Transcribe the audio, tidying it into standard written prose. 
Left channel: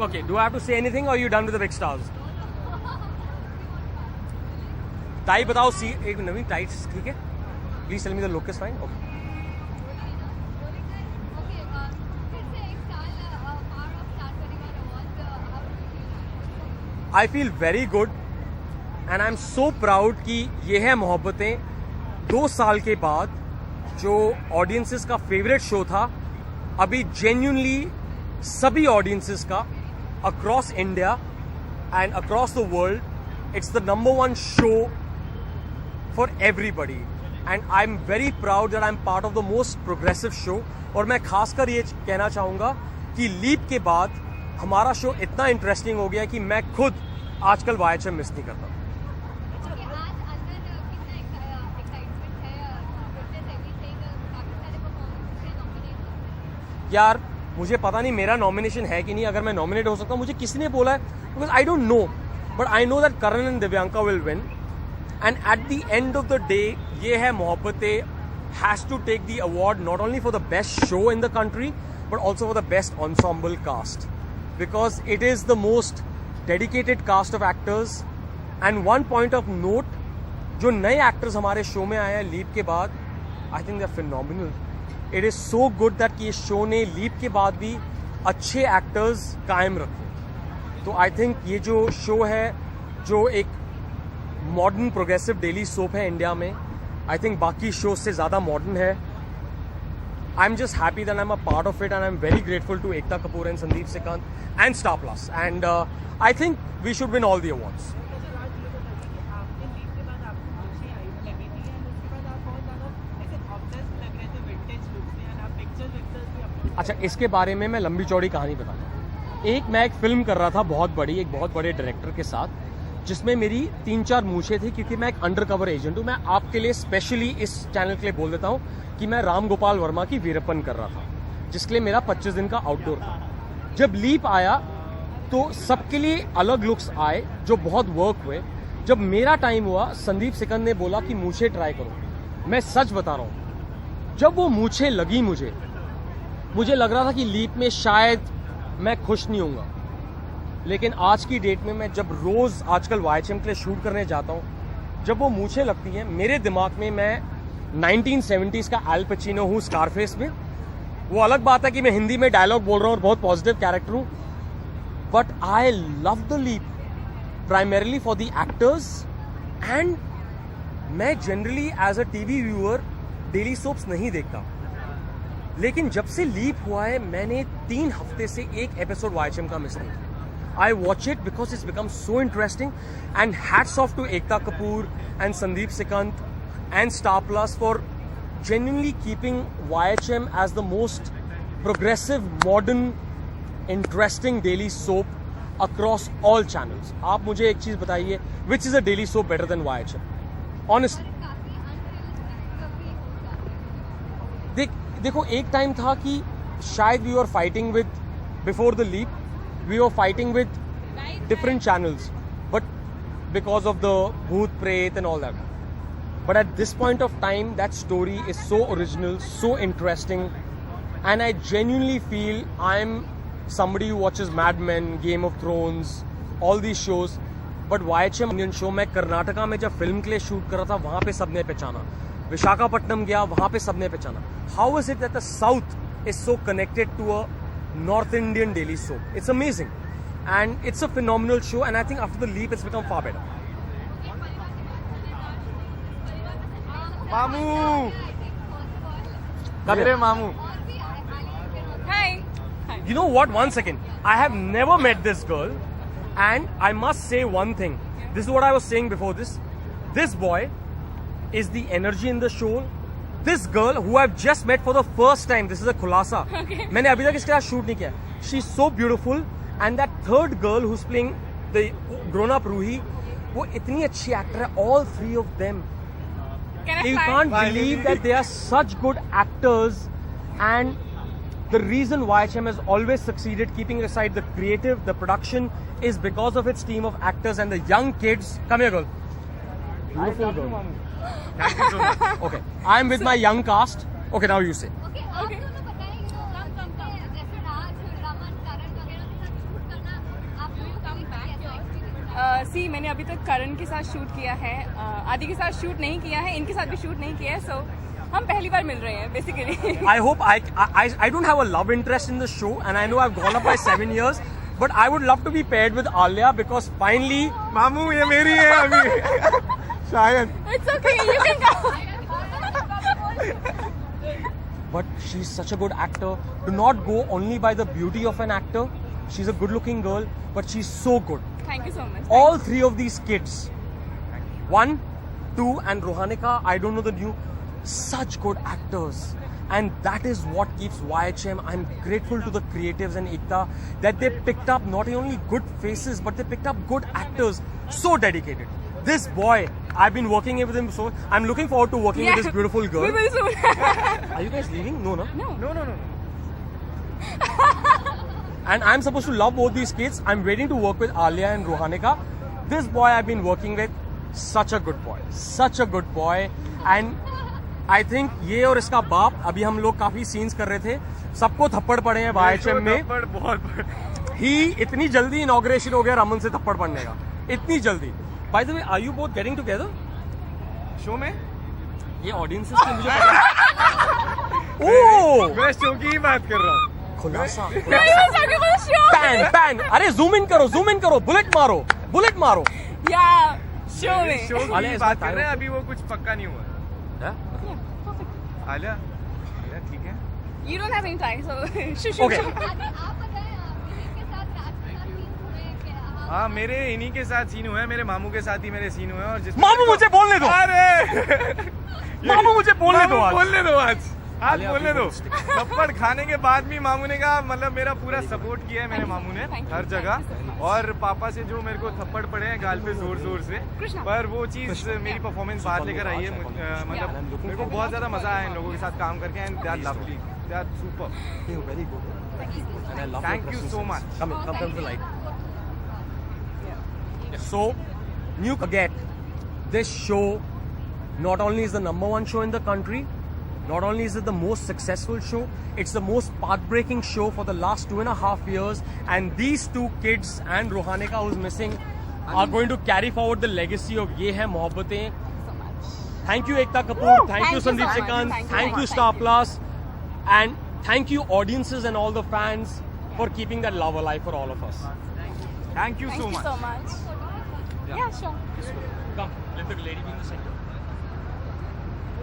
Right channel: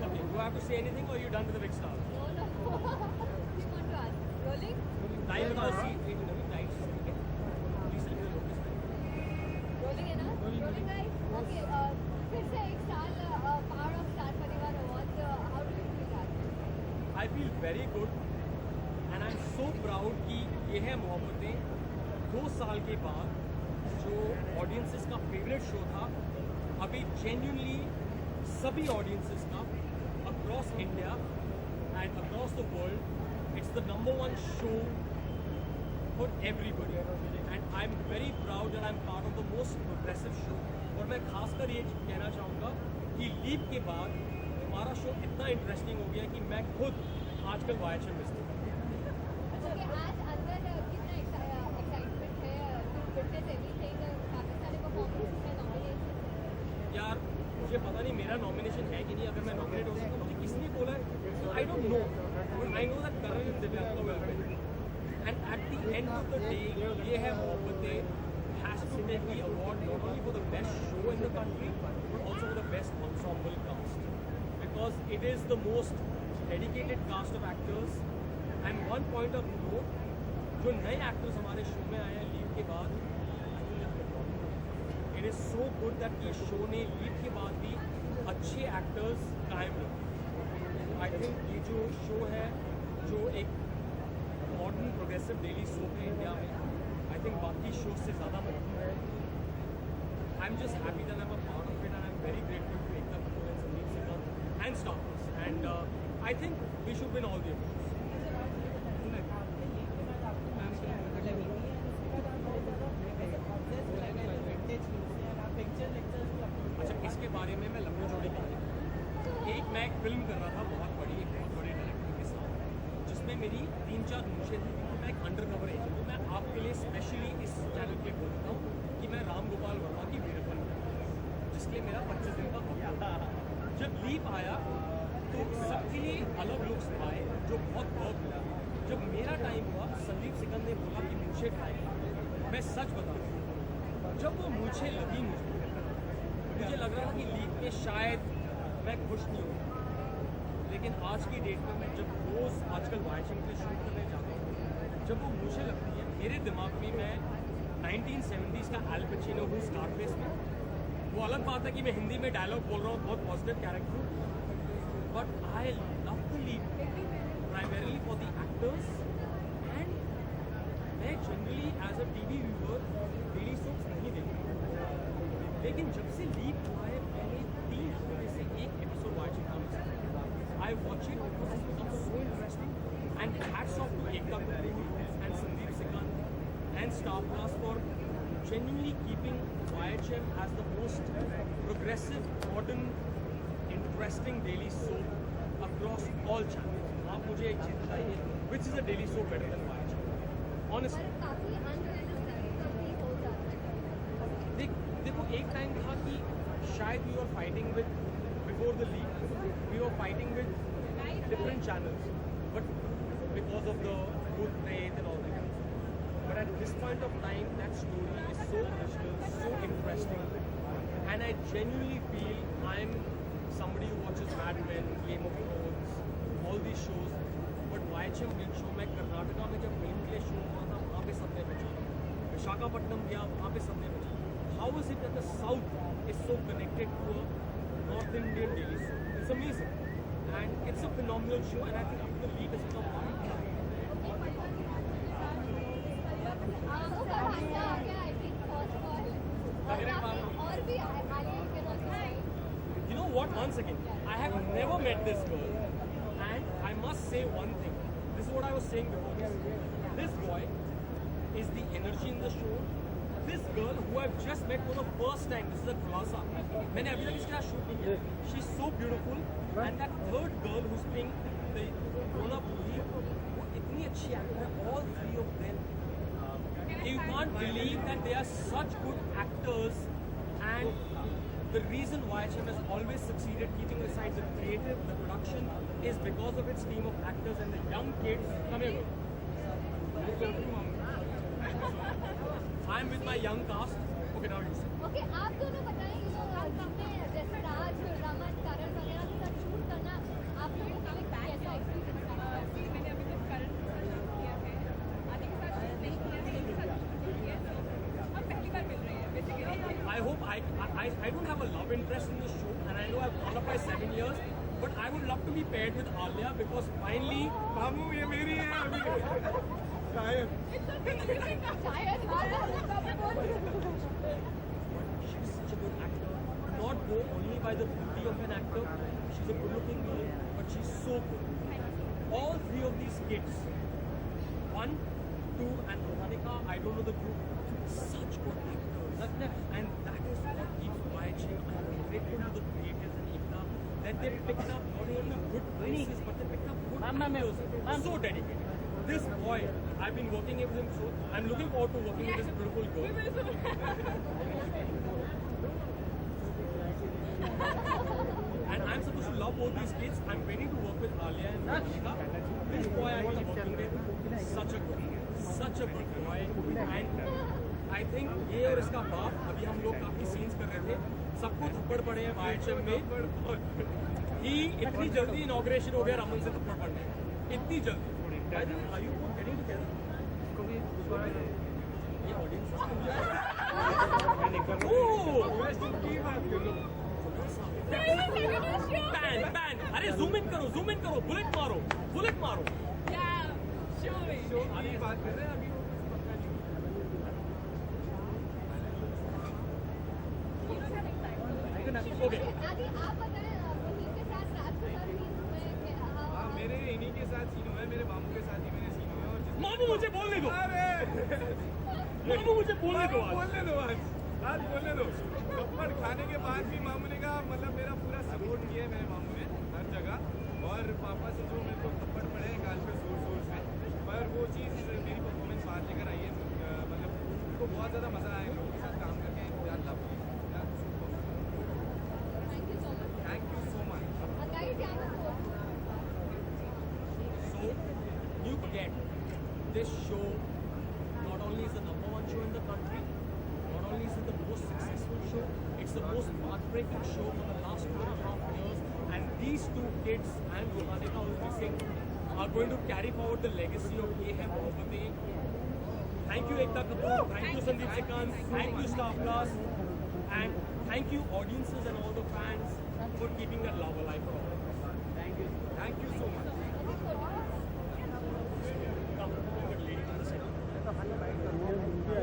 Okay, do I have to say anything or are you done with the big stars? टाई बताओ सी एक नवीन टाइट्स ठीक है please tell me the look is fine okay I feel very good and I am so proud कि ये है मोहब्बतें 2 साल के बाद जो ऑडियंसेस का फेवरेट शो था अभी जेन्युइनली सभी ऑडियंसेस का across India and across the world it's the number 1 show for everybody and I am very proud that I am part of the most progressive show और मैं खासकर ये कहना चाहूँगा कि लीप के बाद हमारा शो इतना इंटरेस्टिंग हो गया कि मैं खुद आजकल YHM मिस नहीं करता। यार मुझे पता नहीं मेरा नॉमिनेशन है कि नहीं अगर मैं नॉमिनेट हो सकता हूँ मुझे किसी ने बोला है because I don't know but I know that Karan and Divyanka will win and at the end of the day Yeh Hai Mohabbatein has to take the award not only for the best show in the country but also for the best ensemble cast because it is the most dedicated cast of actors and one point of note जो नए actors हमारे show में आए हैं leap के बाद I think they are phenomenal. It is so good that कि इस शो ने लीप के बाद भी अच्छे एक्टर्स कायम रखे। तो आई थिंक ये जो शो है जो एक मॉडर्न प्रोग्रेसिव डेली सोप है इंडिया में आई थिंक बाकी शोज से ज़्यादा मॉडर्न है। I am just happy that I am a part of it and I am very grateful to Ekta Kapoor and Sandeep Sikand and Star Plus and I think we should win all the awards. अच्छा इसके बारे में मैं लंबी चौड़ी कहानी बताऊँ। मैं एक फिल्म कर रहा था बहुत बड़े डायरेक्टर के साथ जिसमें मेरी 3-4 मूछें थी क्योंकि मैं एक अंडर कवर एजेंट हूँ। मैं आपके लिए स्पेशली इस चैनल के लिए बोल देता हूँ कि मैं राम गोपाल वर्मा की वीरप्पन कर रहा था जिसके लिए मेरा 25 दिन का आउटडोर था। जब लीप आया तो सबके लिए अलग लुक्स आए जो बहुत वर्क हुए। जब मेरा टाइम हुआ संदीप सिकंद ने बोला कि मूछें ट्राई करो। मैं सच बता रहा हूँ जब वो मूछें लगी मुझे लग रहा था कि लीप में शायद मैं खुश नहीं होऊंगा लेकिन आज की डेट में मैं जब रोज़ आजकल YHM के लिए शूट करने जाता हूँ जब वो मूछें लगती हैं मेरे दिमाग में मैं 1970s का एल पचिनो हूँ स्कारफेस में। वो अलग बात है कि मैं हिंदी में डायलॉग बोल रहा हूँ और बहुत पॉजिटिव कैरेक्टर हूँ but I love the leap primarily for the actors and मैं generally as a TV viewer daily soaps नहीं देखता लेकिन जब से लीप हुआ है मैंने 3 हफ्ते से एक एपिसोड YHM का मिस नहीं। I watch it because it's become so interesting and hats off to Ekta Kapoor and Sandeep Sikant and Star Plus for genuinely keeping YHM as the most progressive, modern, interesting daily soap across all channels. आप मुझे एक चीज़ बताइए which is a daily soap better than YHM? Honestly. देखो एक time था कि शायद we are fighting with before the leap we were fighting with different channels but because of the booth pret and all that but at this point of time that story is so original so interesting and I genuinely feel I'm somebody who watches Mad Men, Game of Thrones, all these shows but YHM Indian show मैं कर्नाटका में जब film के लिए shoot कर रहा था वहाँ पे सबने पहचाना। विशाखापट्टनम गया वहाँ पे सबने पहचाना। How is it that the South is so connected to a North Indian daily soap? It's amazing and it's a phenomenal show and I think after the leap it's become far better. Mamu! Come Mamu. Hi. You know what? One second. I have never met this girl and I must say one thing. This is what I was saying before this. This boy is the energy in the show. This girl who I've just met for the first time, this is a khulasa. Okay. मैंने अभी तक इसके साथ shoot नहीं किया। She's so beautiful and that third girl who's playing the grown-up Ruhi, वो इतनी अच्छी एक्टर है। All 3 of them. You can't believe that they are such good actors and the reason YHM has always succeeded keeping aside the creative, the production is because of its team of actors and the young kids. Come here girl. Beautiful girl. Okay, I'm with my young cast. Okay, now you say. Okay, आप दोनों बताएं कि जैसे राज, रमन, करण वगैरह के साथ shoot करना सी मैंने अभी तक करण के साथ शूट किया है, आदि के साथ शूट नहीं किया है, इनके साथ भी शूट नहीं किया है, सो हम पहली बार मिल रहे हैं basically. I hope I don't have a love interest in the show, and I know I've gone up by 7 years, but I would love to be paired with Alia because finally. मामू ये मेरी है अभी. शायद. It's okay, you can go. But she's such a good actor. Do not go only by the beauty of an actor. She's a good-looking girl, but she's so good. Thank you so much. All three of these kids, 1, 2, and Rohanika, I don't know the new, such good actors. And that is what keeps YHM. I'm grateful to the creatives and Ekta that they picked up not only good faces, but they picked up good actors. So dedicated. This boy, I've been working with him, so I'm looking forward to working with this beautiful girl. We will soon. Are you guys leaving? No, no. No. No. And I'm supposed to love both these kids. I'm waiting to work with Alia and Rohanika. This boy I've been working with, such a good boy. Such a good boy. And I think ये और इसका बाप, अभी हम लोग काफी scenes कर रहे थे, सबको थप्पड़ पड़े हैं YHM में. थप्पड़ बहुत बड़े. ही इतनी जल्दी इनॉग्रेशन हो गया रमन से थप्पड़ पड़ने का, इतनी जल्दी. By the way, are you both getting together? Show में ये ऑडियंसेस को मुझे ओह मैं शो की ही बात कर रहा हूँ. खुलासा. No, you're talking about the show. Pan. अरे जूम इन करो, बुलेट मारो. Yeah, show में. शो की आलिया, ही इसमें बात कर टाइम- रहे हैं, अभी वो कुछ पक्का नहीं हुआ. Yeah? आलिया यार ठीक है. You don't have any time, so shush. Okay. आदि, आप बताएं, मिहिर के साथ राज के साथ सीन हुए क्या? हाँ मेरे इन्हीं के साथ सीन हुए हैं, मेरे मामू के साथ ही मेरे सीन हुए हैं. और जिस मामू मुझे बोलने दो. अरे मामू मुझे बोलने दो आज. बोलने दो आज बोलने दो. थप्पड़ खाने के बाद भी मामू ने कहा, मतलब मेरा पूरा सपोर्ट किया है मेरे मामू ने Thank you. हर जगह. और पापा से जो मेरे को थप्पड़ पड़े हैं गाल पे जोर से, कृष्णा. पर वो चीज़ मेरी परफॉर्मेंस बाहर लेकर आई है. मतलब मेरे को बहुत ज़्यादा मज़ा आया इन लोगों के साथ काम करके. And they are lovely, they are super. Very good. And I love Thank your you presence. so much. Come to the light. So, you forget, this show not only is the #1 show in the country, not only is it the most successful show, it's the most path-breaking show for the last 2.5 years. And these two kids and Rohanika, who's missing, are going to carry forward the legacy of Ye Hai Mohabbatein. Thank you, Ekta Kapoor. Thank you, Thank you so Sandeep much. Sikand. Thank you Thank so you, much. Star Plus. And thank you, audiences and all the fans, for keeping that love alive for all of us. Thank you Thank so you much. so much. Yeah, sure. Come, let the lady be in the center.